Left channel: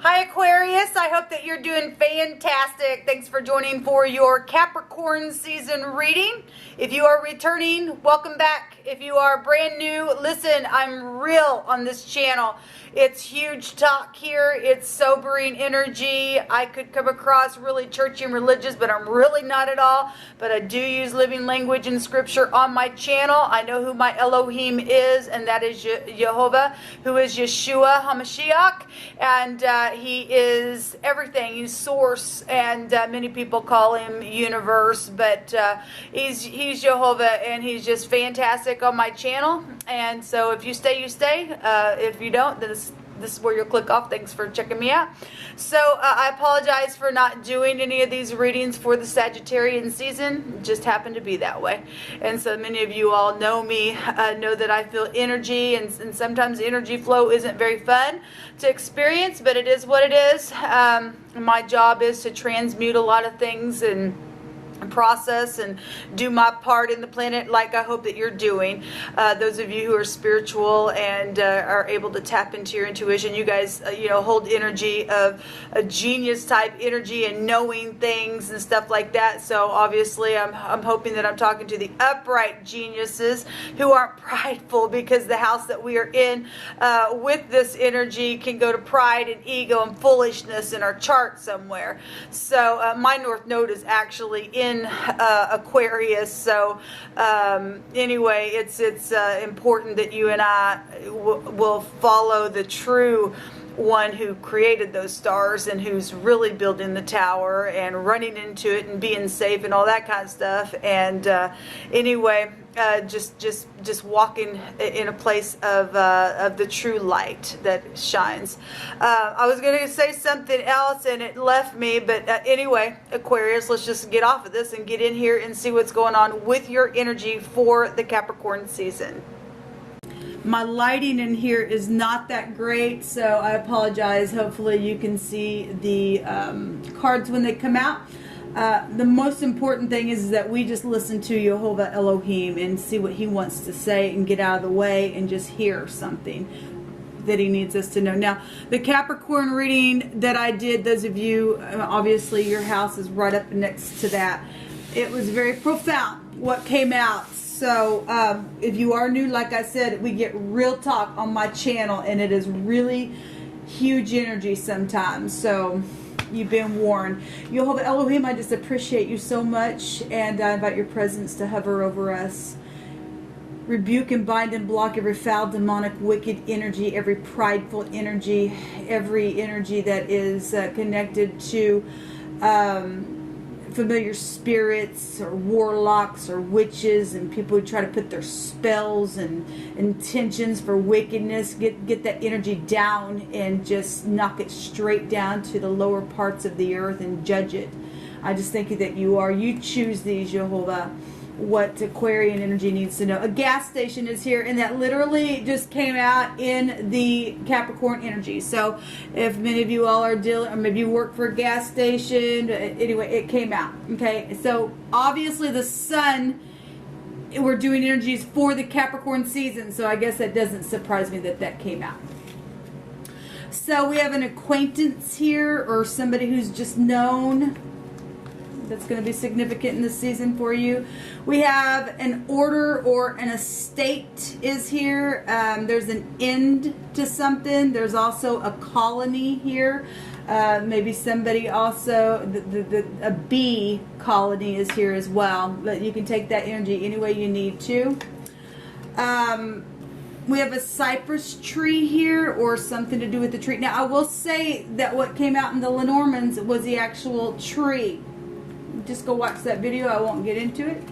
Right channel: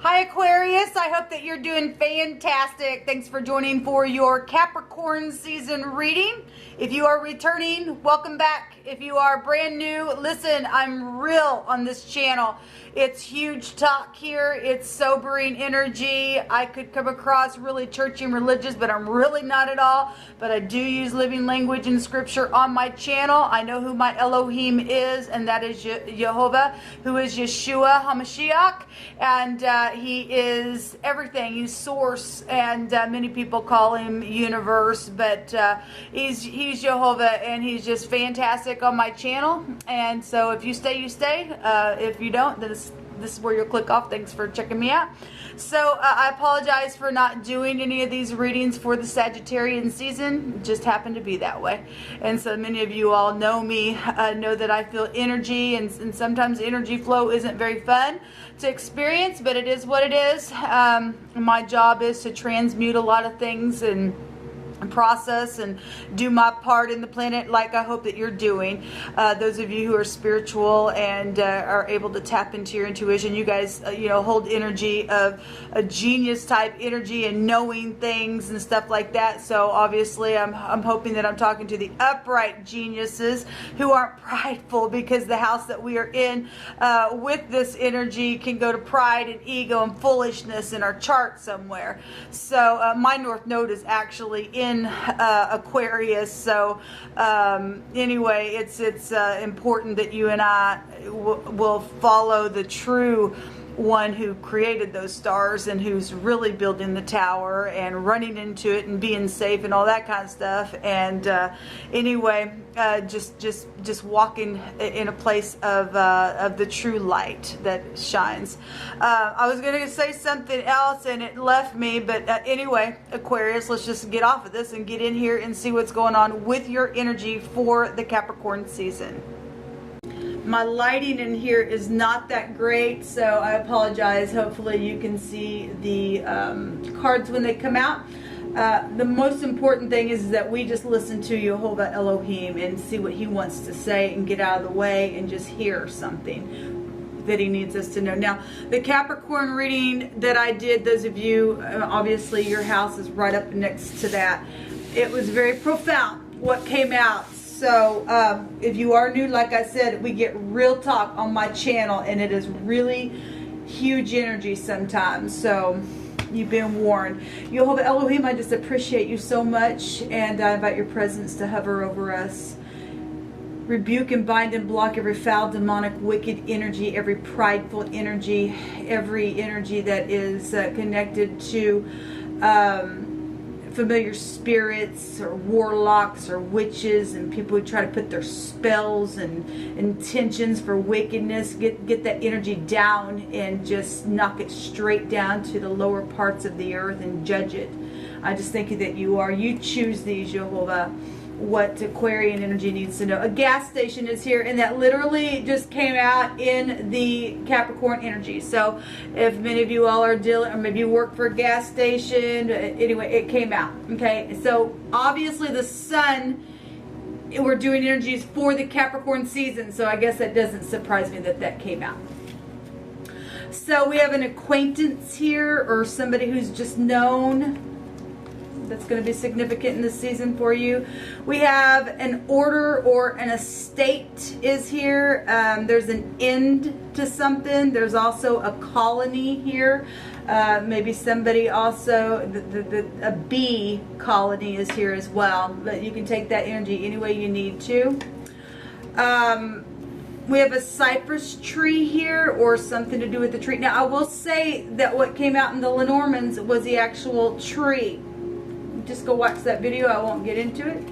Hi Aquarius, I hope that you're doing fantastic. Thanks for joining for your Capricorn season reading. If you are returning, welcome back. If you are brand new, listen, I'm real on this channel. It's huge talk here. It's sobering energy. I could come across really churchy and religious, but I'm really not at all. But I do use living language and scripture on my channel. I know who my Elohim is, and that is Jehovah, who is Yeshua HaMashiach. And he is everything. He's source, and many people call him universe, but he's Jehovah, and he's just fantastic on my channel. And so if you stay, you stay. If you don't, then this is where you'll click off. Thanks for checking me out. So I apologize for not doing any of these readings for the Sagittarian season. It just happened to be that way. And so many of you all know me, know that I feel energy, and sometimes energy flow isn't very fun to experience, but it is what it is. My job is to transmute a lot of things and process and do my part in the planet, like I hope that you're doing. Those of you who are spiritual and are able to tap into your intuition, you guys hold energy of a genius type energy and knowing things and stuff like that. So obviously I'm hoping that I'm talking to the upright geniuses who aren't prideful, because the house that we are in with this energy can go to pride and ego and foolishness in our chart somewhere. So my North Node is actually in Aquarius. So anyway, it's important that you and I will follow the true one who created those stars and who's really building the tower and running into it and being safe and all that kind of stuff. And anyway, just walking in a place of the true light that shines. I was going to say something else and it left me, but anyway, Aquarius, let's just get off of this and get in here and see what's going on with your energy for the Capricorn season. My lighting in here is not that great, so I apologize. Hopefully you can see the cards when they come out. The most important thing is that we just listen to Jehovah Elohim and see what he wants to say and get out of the way and just hear something that he needs us to know. Now, the Capricorn reading that I did, those of you, obviously your house is right up next to that. It was very profound what came out. So if you are new, like I said, we get real talk on my channel, and it is really huge energy sometimes. So you've been warned. Jehovah Elohim, I just appreciate you so much, and I invite your presence to hover over us. Rebuke and bind and block every foul, demonic, wicked energy, every prideful energy, every energy that is connected to familiar spirits or warlocks or witches and people who try to put their spells and intentions for wickedness. Get that energy down and just knock it straight down to the lower parts of the earth and judge it. I just thank you that you choose these, Jehovah, what Aquarian energy needs to know. A gas station is here, and that literally just came out in the Capricorn energy. So if many of you all are dealing, or maybe you work for a gas station, anyway, it came out. Okay, so obviously the sun, we're doing energies for the Capricorn season, so I guess that doesn't surprise me that that came out. So we have an acquaintance here, or somebody who's just known, that's going to be significant in this season for you. We have an order or an estate is here. There's an end to something. There's also a colony here. Maybe somebody also, a bee colony is here as well. But you can take that energy any way you need to. We have a cypress tree here, or something to do with the tree. Now, I will say that what came out in the Lenormands was the actual tree. Just go watch that video. I won't get into it.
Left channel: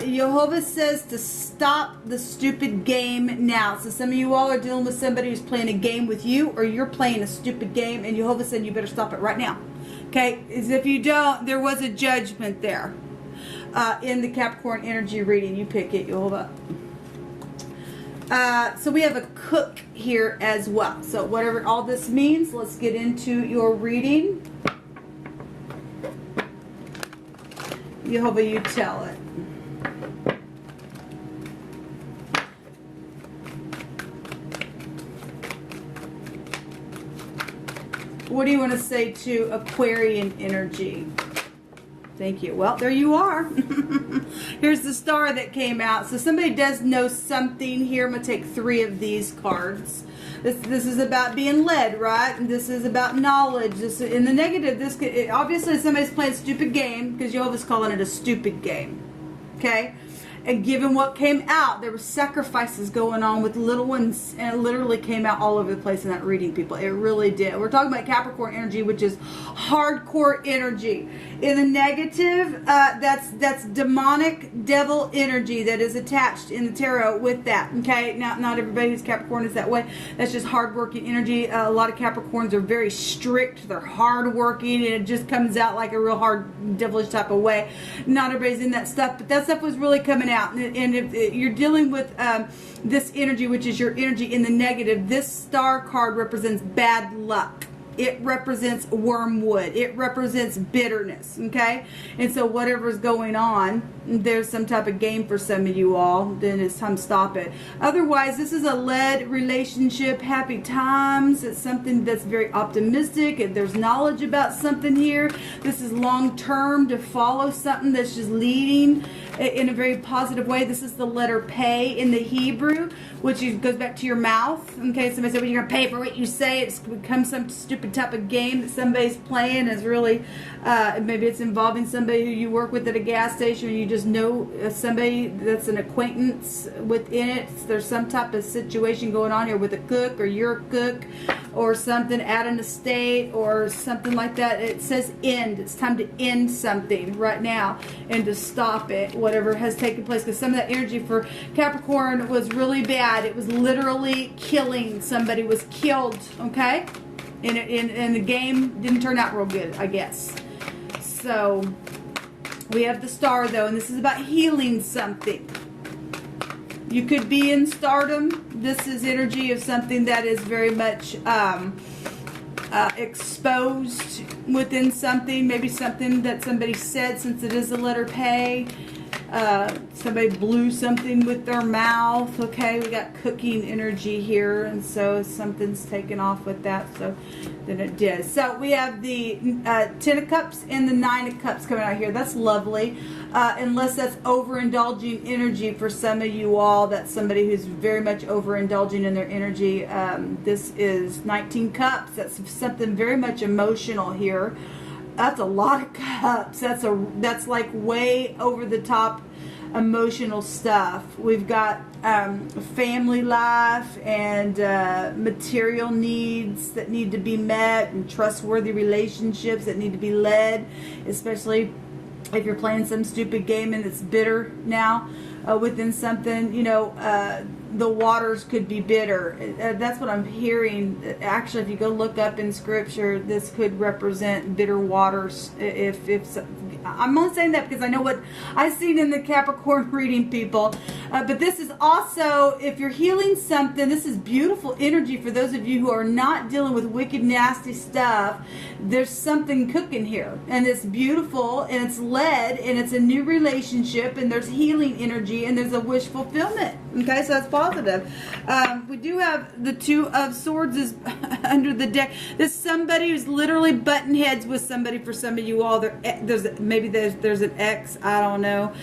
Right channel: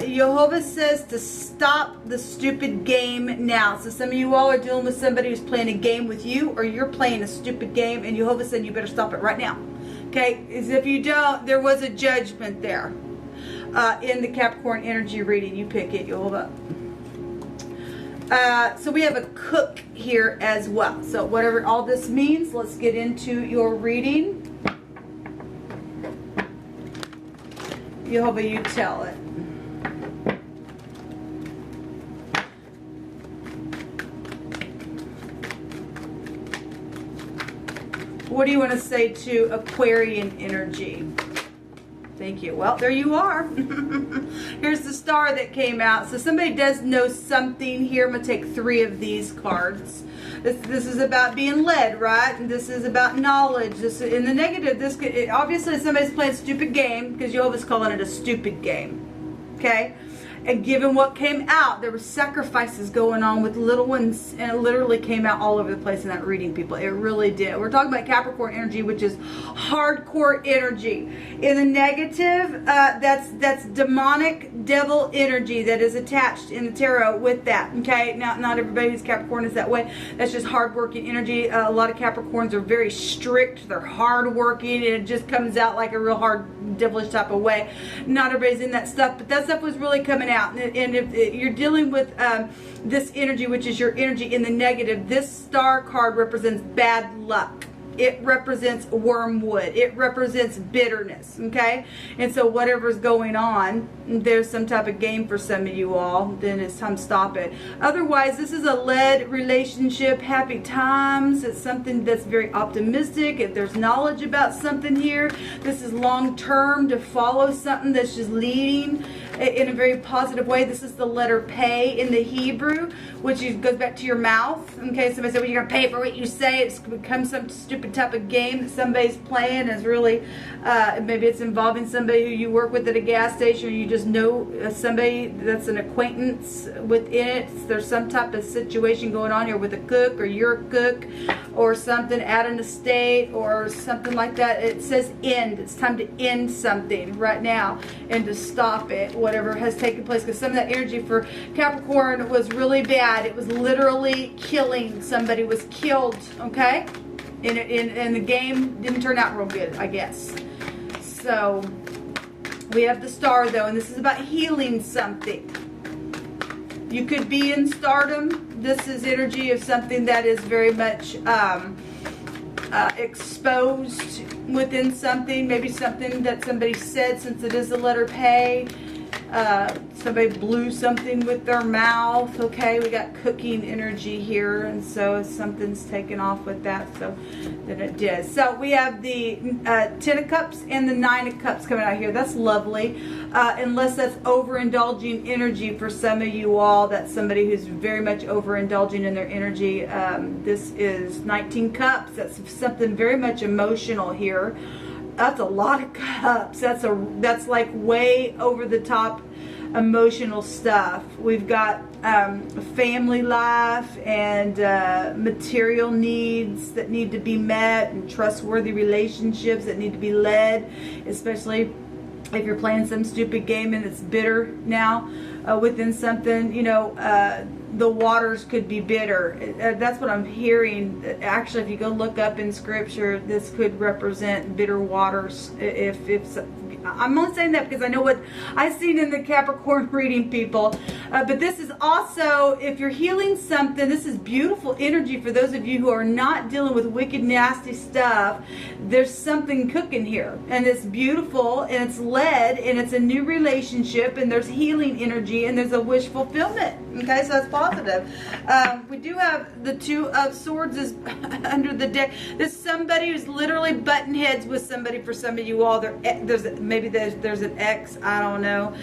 Jehovah says to stop the stupid game now. So some of you all are dealing with somebody who's playing a game with you, or you're playing a stupid game, and Jehovah said you better stop it right now. Okay? Because if you don't, there was a judgment there in the Capricorn energy reading. You pick it, Jehovah. So we have a cook here as well. So whatever all this means, let's get into your reading. Jehovah, you tell it. What do you want to say to Aquarian energy? Thank you. Well, there you are. Here's the star that came out. So somebody does know something here. I'm going to take 3 of these cards. This is about being led, right? And this is about knowledge. This in the negative. This could, obviously somebody's playing a stupid game, because Jehovah's calling it a stupid game. Okay? And given what came out, there were sacrifices going on with little ones, and it literally came out all over the place in that reading, people. It really did. We're talking about Capricorn energy, which is hardcore energy. In the negative, that's demonic devil energy that is attached in the tarot with that. Okay, not everybody who's Capricorn is that way. That's just hardworking energy. A lot of Capricorns are very strict. They're hardworking, and it just comes out like a real hard, devilish type of way. Not everybody's in that stuff, but that stuff was really coming out. And if you're dealing with this energy, which is your energy in the negative, this star card represents bad luck. It represents wormwood. It represents bitterness, okay? And so whatever's going on, there's some type of game for some of you all, then it's time to stop it. Otherwise, this is a led relationship, happy times. It's something that's very optimistic, and there's knowledge about something here. This is long-term, to follow something that's just leading in a very positive way. This is the letter Pei in the Hebrew, which goes back to your mouth. Okay, somebody said, well, you're going to pay for what you say. It's become some stupid type of game that somebody's playing. Is really, maybe it's involving somebody who you work with at a gas station, or you just know somebody that's an acquaintance within it. There's some type of situation going on here with a cook, or you're a cook, or something at an estate, or something like that. It says end. It's time to end something right now and to stop it, whatever has taken place, because some of that energy for Capricorn was really bad. It was literally killing. Somebody was killed, okay? And the game didn't turn out real good, I guess. So we have the star, though, and this is about healing something. You could be in stardom. This is energy of something that is very much exposed within something. Maybe something that somebody said, since it is the letter Pei. Somebody blew something with their mouth. Okay, we got cooking energy here, and so something's taken off with that, so then it did. So we have the 10 of Cups and the 9 of Cups coming out here. That's lovely, unless that's overindulging energy for some of you all. That's somebody who's very much overindulging in their energy. This is 19 Cups. That's something very much emotional here. That's a lot of cups. That's like way over the top emotional stuff. We've got family life and material needs that need to be met, and trustworthy relationships that need to be led, especially if you're playing some stupid game and it's bitter now within something, you know, the waters could be bitter. That's what I'm hearing. Actually, if you go look up in scripture, this could represent bitter waters. If I'm only saying that because I know what I've seen in the Capricorn reading, people. But this is also, if you're healing something, this is beautiful energy for those of you who are not dealing with wicked, nasty stuff. There's something cooking here, and it's beautiful, and it's led, and it's a new relationship, and there's healing energy, and there's a wish fulfillment. Okay, so that's positive. We do have the 2 of Swords is under the deck. There's somebody who's literally butting heads with somebody. For some of you all, there's an ex, I don't know.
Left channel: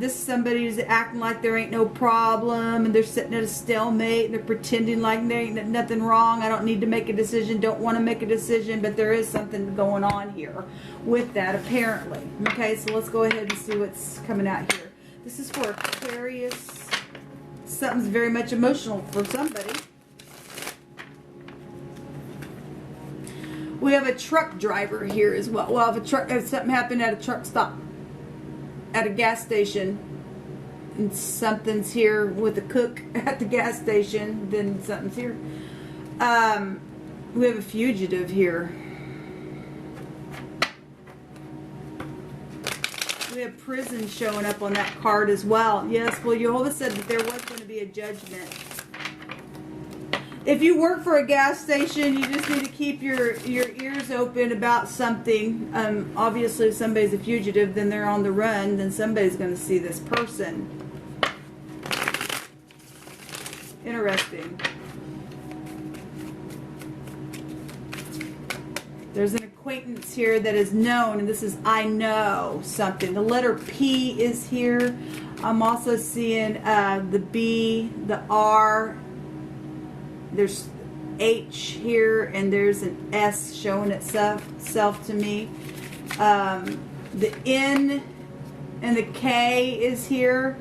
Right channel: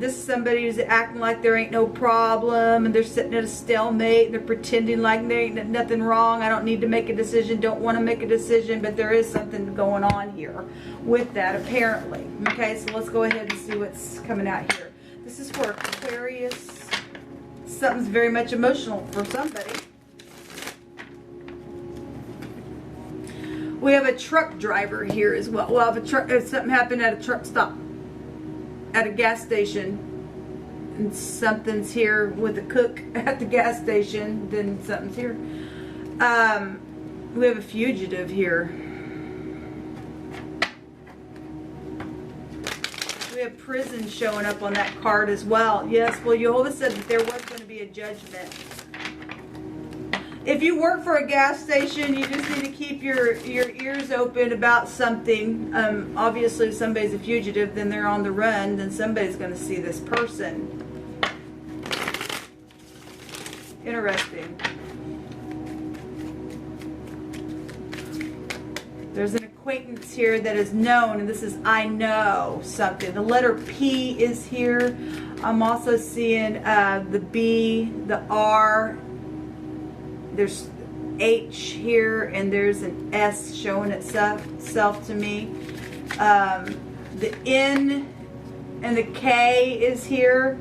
This is somebody who's acting like there ain't no problem, and they're sitting at a stalemate, and they're pretending like there ain't nothing wrong. I don't need to make a decision, don't want to make a decision, but there is something going on here with that, apparently. Okay, so let's go ahead and see what's coming out here. This is for Aquarius. Something's very much emotional for somebody. We have a truck driver here as well. We'll have a truck. If something happened at a truck stop, at a gas station, and something's here with a cook at the gas station, then something's here. We have a fugitive here. We have prison showing up on that card as well. Yes, well, Jehovah said that there was going to be a judgment. If you work for a gas station, you just need to keep your ears open about something. Obviously, if somebody's a fugitive, then they're on the run, then somebody's going to see this person. Interesting. acquaintance here that is known, and this is I know something. The letter P is here. I'm also seeing the B, the R. There's H here, and there's an S showing itself to me. The N and the K is here,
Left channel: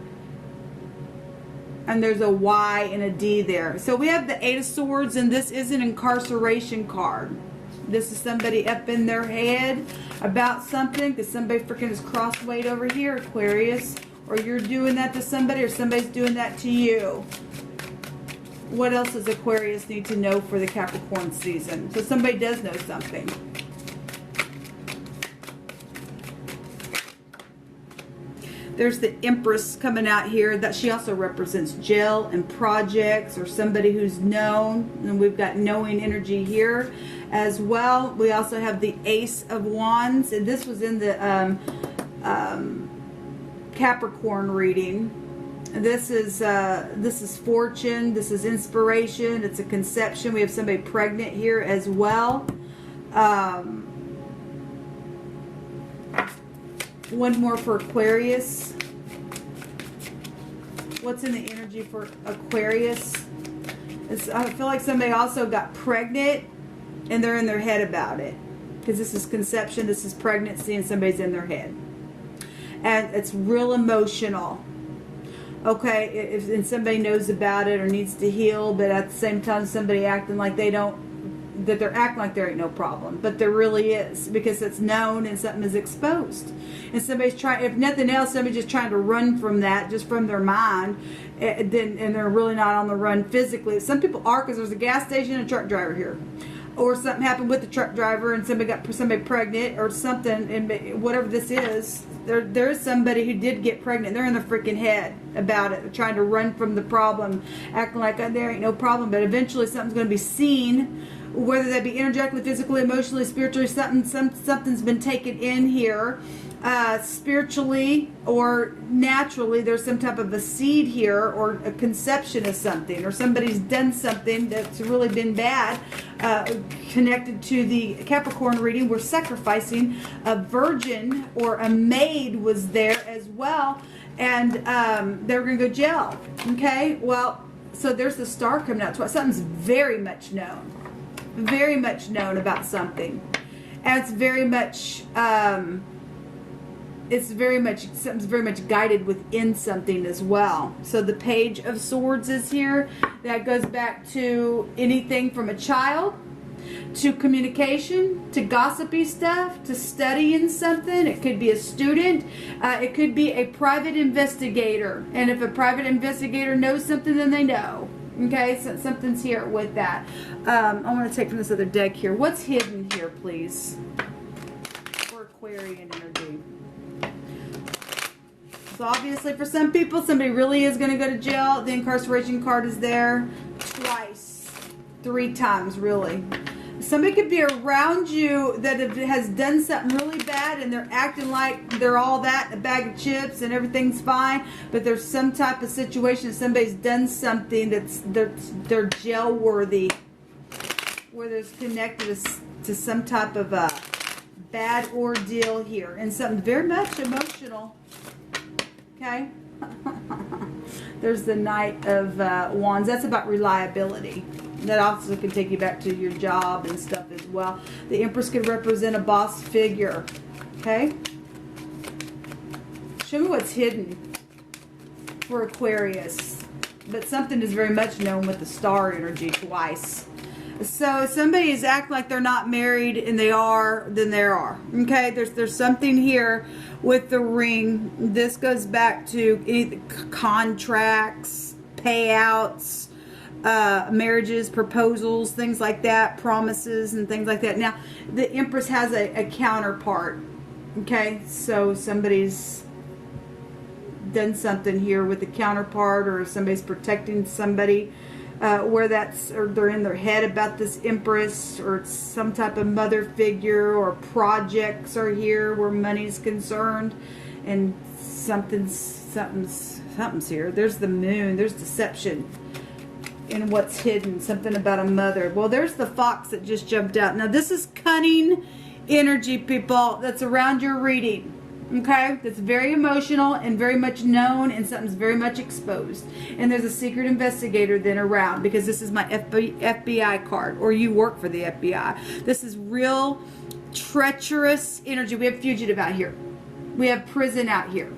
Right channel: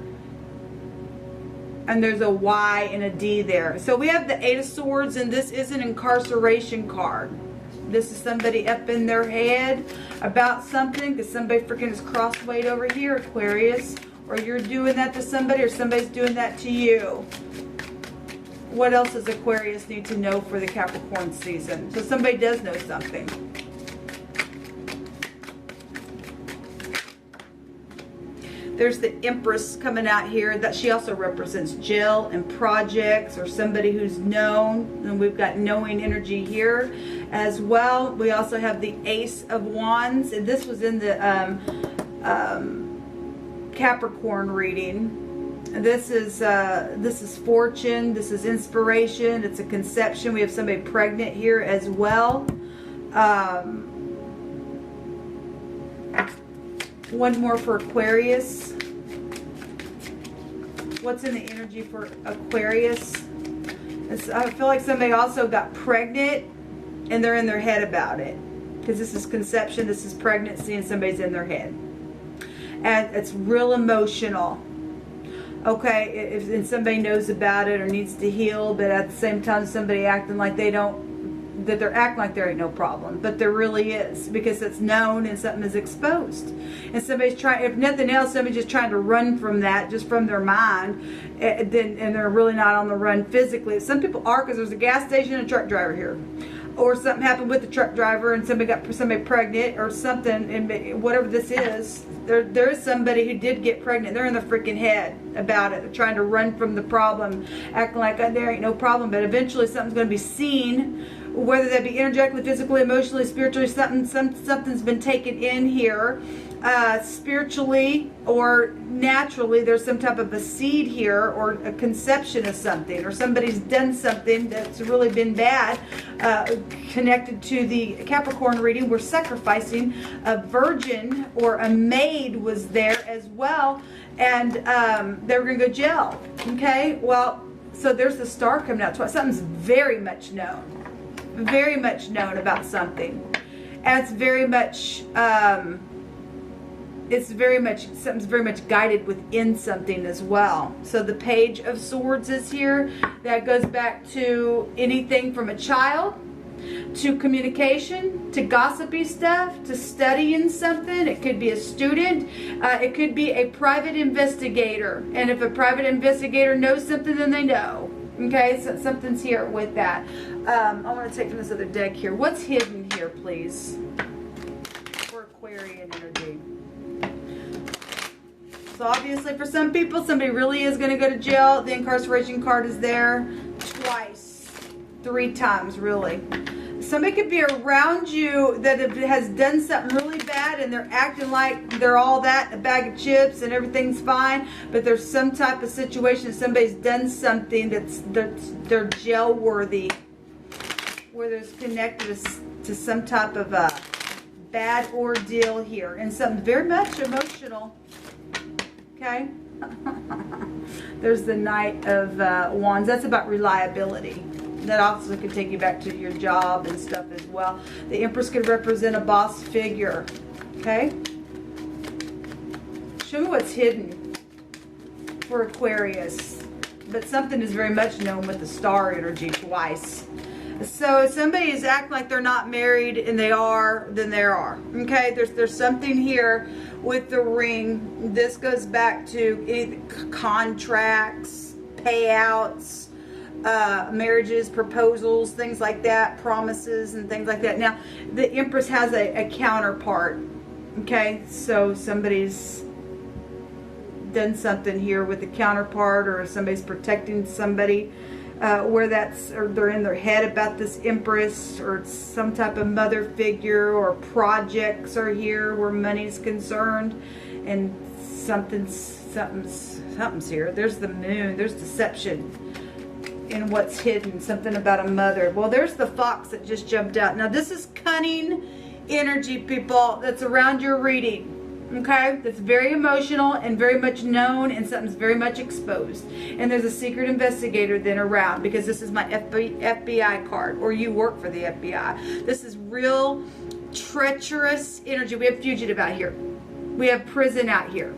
and there's a Y and a D there. So we have the Eight of Swords, and this is an incarceration card. This is somebody up in their head about something, because somebody freaking is crosswayed over here, Aquarius. Or you're doing that to somebody, or somebody's doing that to you. What else does Aquarius need to know for the Capricorn season? So somebody does know something. There's the Empress coming out here. That she also represents jail and projects, or somebody who's known. And we've got knowing energy here as well. We also have the Ace of Wands, and this was in the Capricorn reading. This is fortune. This is inspiration. It's a conception. We have somebody pregnant here as well. One more for Aquarius. What's in the energy for Aquarius? I feel like somebody also got pregnant, and they're in their head about it, because this is conception, this is pregnancy, and somebody's in their head, and it's real emotional. Okay, and somebody knows about it or needs to heal, but at the same time somebody acting like they don't, that they're acting like there ain't no problem, but there really is, because it's known and something is exposed. And somebody's trying, if nothing else, somebody's just trying to run from that, just from their mind, and they're really not on the run physically. Some people are, because there's a gas station and a truck driver here. Or something happened with the truck driver and somebody got somebody pregnant or something, and whatever this is, there is somebody who did get pregnant. They're in the freaking head about it. They're trying to run from the problem, acting like there ain't no problem, but eventually something's going to be seen, whether that be energetically, physically, emotionally, spiritually. Something's been taken in here. Spiritually or naturally, there's some type of a seed here, or a conception of something, or somebody's done something that's really been bad, connected to the Capricorn reading. We're sacrificing a virgin, or a maid was there as well, and they were going to go jail. Okay, well, so there's the star coming out. Something's very much known about something, and it's very much something's very much guided within something as well. So the Page of Swords is here. That goes back to anything from a child to communication, to gossipy stuff, to studying something. It could be a student. It could be a private investigator. And if a private investigator knows something, then they know. Okay, so something's here with that. I want to take from this other deck here. What's hidden here, please, for Aquarian energy? So obviously for some people, somebody really is going to go to jail. The incarceration card is there twice, 3 times really. Somebody could be around you that has done something really bad, and they're acting like they're all that, a bag of chips, and everything's fine. But there's some type of situation, somebody's done something they're jail worthy, where there's connected to some type of a bad ordeal here, and something very much emotional. Okay. There's the Knight of Wands. That's about reliability. That also can take you back to your job and stuff as well. The Empress could represent a boss figure. Okay. Show me what's hidden for Aquarius. But something is very much known with the star energy twice. So if somebody is acting like they're not married and they are, then they are. Okay. There's something here with the ring. This goes back to any contracts, payouts, marriages, proposals, things like that, promises and things like that. Now, the Empress has a counterpart. Okay, so somebody's done something here with the counterpart, or somebody's protecting somebody, where that's, or they're in their head about this Empress, or some type of mother figure, or projects are here where money's concerned, and something's here. There's the Moon. There's deception in what's hidden. Something about a mother. Well, there's the Fox that just jumped out. Now, this is cunning energy, people, that's around your reading. Okay, that's very emotional and very much known, and something's very much exposed. And there's a secret investigator then around, because this is my FBI card, or you work for the FBI. This is real treacherous energy. We have fugitive out here. We have prison out here.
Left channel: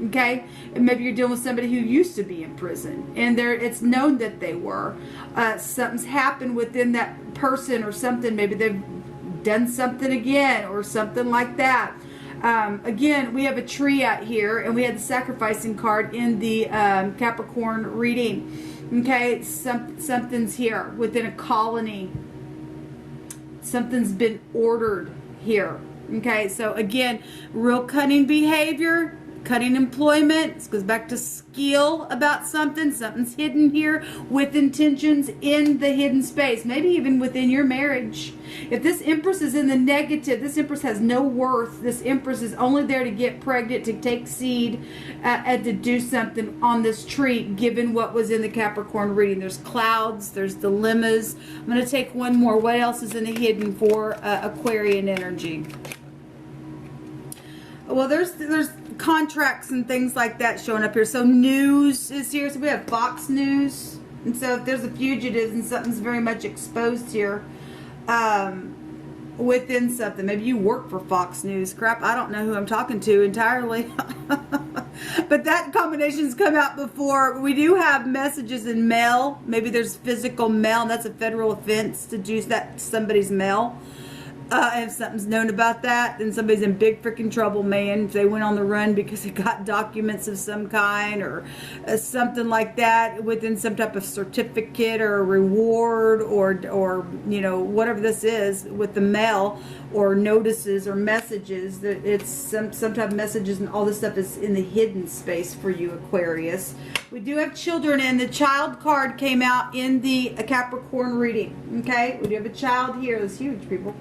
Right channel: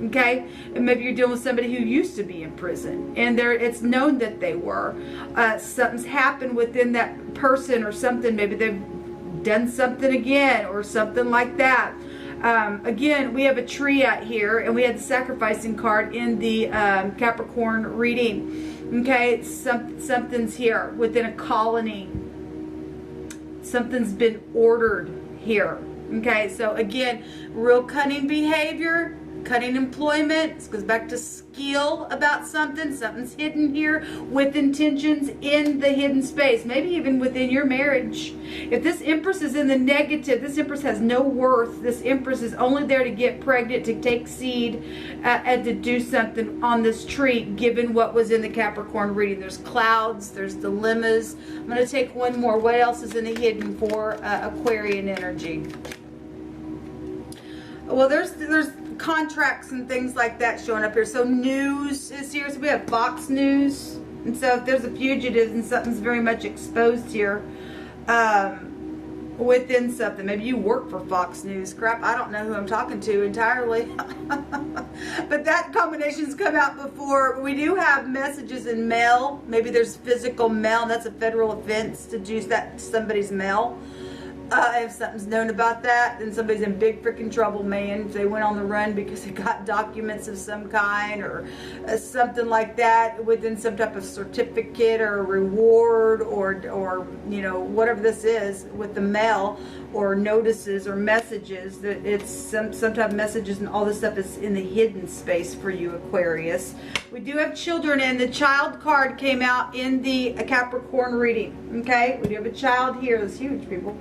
Okay, and maybe you're dealing with somebody who used to be in prison, and it's known that they were. Something's happened within that person or something. Maybe they've done something again or something like that. Again, we have a tree out here, and we had the sacrificing card in the Capricorn reading. Okay, something's here within a colony. Something's been ordered here. Okay, so again, real cunning behavior, cunning employment. This goes back to skill about something. Something's hidden here with intentions in the hidden space. Maybe even within your marriage. If this Empress is in the negative, this Empress has no worth. This Empress is only there to get pregnant, to take seed, and to do something on this tree, given what was in the Capricorn reading. There's clouds, there's dilemmas. I'm going to take one more. What else is in the hidden for Aquarian energy? Well, there's contracts and things like that showing up here. So news is here. So we have Fox News. And so if there's a fugitive and something's very much exposed here within something. Maybe you work for Fox News. Crap, I don't know who I'm talking to entirely. But that combination's come out before. We do have messages in mail. Maybe there's physical mail, and that's a federal offense to use that somebody's mail. If something's known about that, then somebody's in big freaking trouble, man. If they went on the run because they got documents of some kind or something like that within some type of certificate or a reward or you know, whatever this is with the mail or notices or messages, that it's some type of messages, and all this stuff is in the hidden space for you, Aquarius. We do have children, and the child card came out in the Capricorn reading. Okay, we do have a child here. That's huge, people.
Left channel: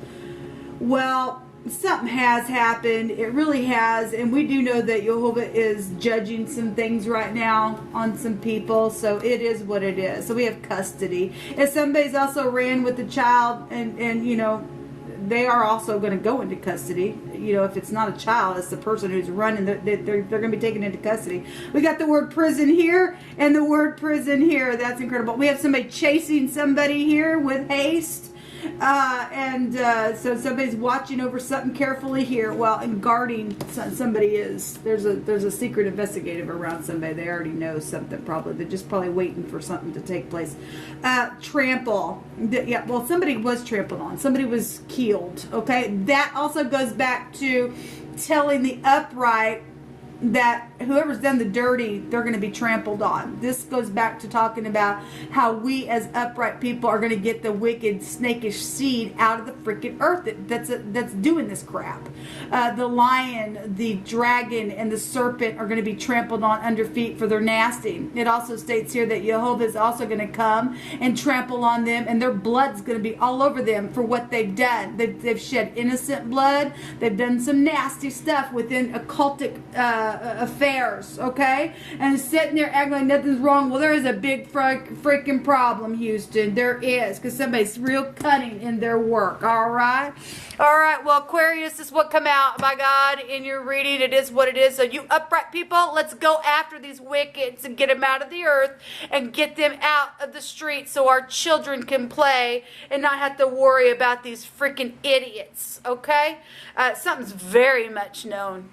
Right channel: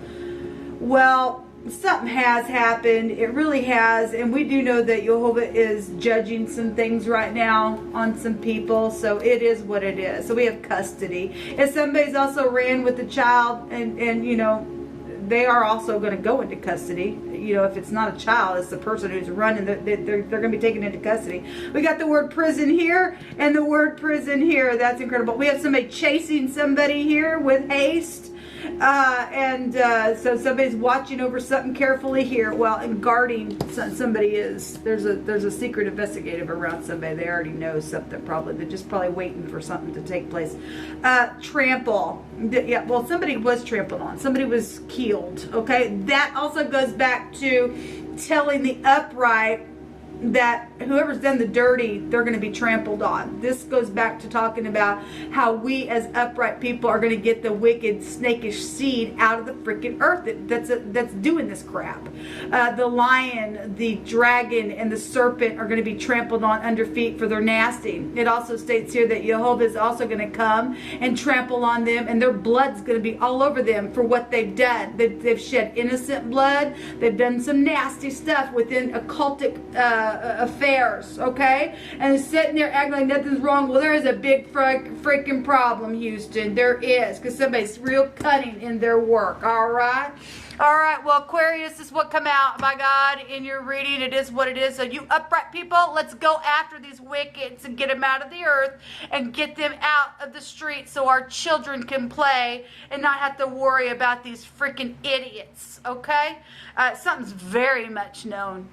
Well, something has happened. It really has. And we do know that Jehovah is judging some things right now on some people. So it is what it is. So we have custody. If somebody's also ran with the child and you know, they are also going to go into custody. You know, if it's not a child, it's the person who's running. They're going to be taken into custody. We got the word prison here and the word prison here. That's incredible. We have somebody chasing somebody here with haste. So somebody's watching over something carefully here. Well, and guarding somebody is. There's a secret investigative around somebody. They already know something probably. They're just probably waiting for something to take place. Trample. Yeah, well, somebody was trampled on. Somebody was killed. Okay, that also goes back to telling the upright that whoever's done the dirty, they're going to be trampled on. This goes back to talking about how we as upright people are going to get the wicked, snakish seed out of the freaking earth that's doing this crap. The lion, the dragon, and the serpent are going to be trampled on under feet for their nasty. It also states here that Jehovah is also going to come and trample on them, and their blood's going to be all over them for what they've done. They've shed innocent blood. They've done some nasty stuff within occultic affairs, okay? And sitting there acting like nothing's wrong. Well, there is a big freaking problem, Houston. There is, because somebody's real cunning in their work, all right? All right, well, Aquarius, this is what come out, my God, in your reading. It is what it is. So you upright people, let's go after these wickeds and get them out of the earth and get them out of the streets so our children can play and not have to worry about these freaking idiots, okay? Something's very much known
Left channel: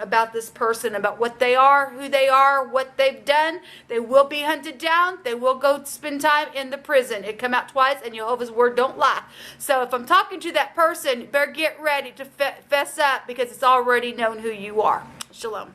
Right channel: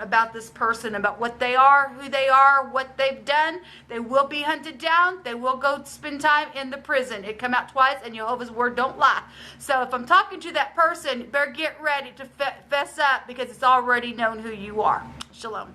about this person, about what they are, who they are, what they've done. They will be hunted down. They will go spend time in the prison. It come out twice, and Jehovah's word don't lie. So if I'm talking to that person, better get ready to fess up, because it's already known who you are. Shalom.